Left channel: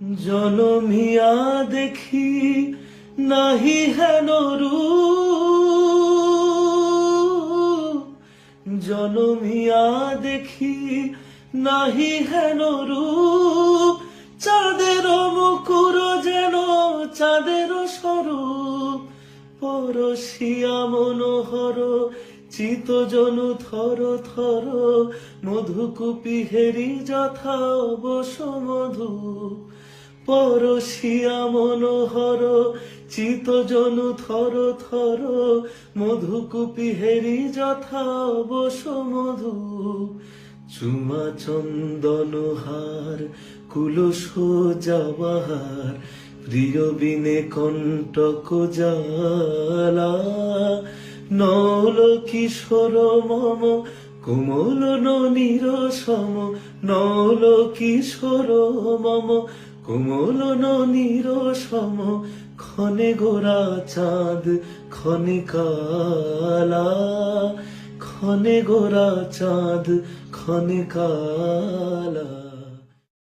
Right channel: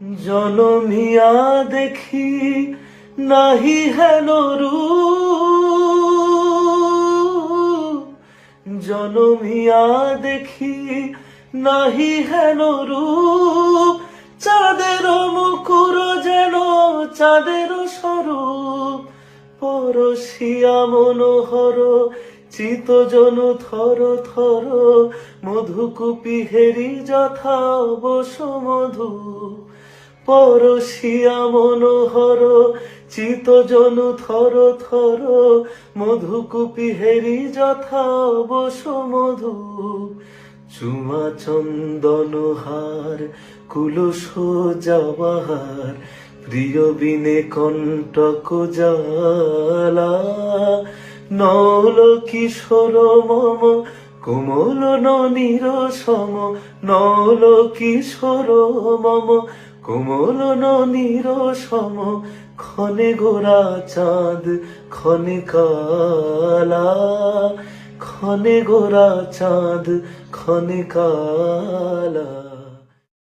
জনমিয়া দেখি নাহি হেন রূপ, জনমিয়া দেখি নাহি হেন রূপ, চাঁদের মুকুর যেন চাঁদের স্বরূপ, পরশিয়া মনোহর চিতজন থর থর, মধুকুপি হেরি যথা বসুমধু, পরশিয়া মনোহর চিতজন থর থর, মধুকুপি হেরি যথা বসুমধু, চুমা চন্দন হার কুলুষ জবাহার, প্রিয় বিনে কণ্টক জ্বালা, নল কিশোর মম কোমল ননীর সম, নল কিশোর মম কোমল ননীর সম, ক্ষণে গোরা চাঁদ ক্ষণে কালা, ক্ষণে গোরা চাঁদ ক্ষণে কালা।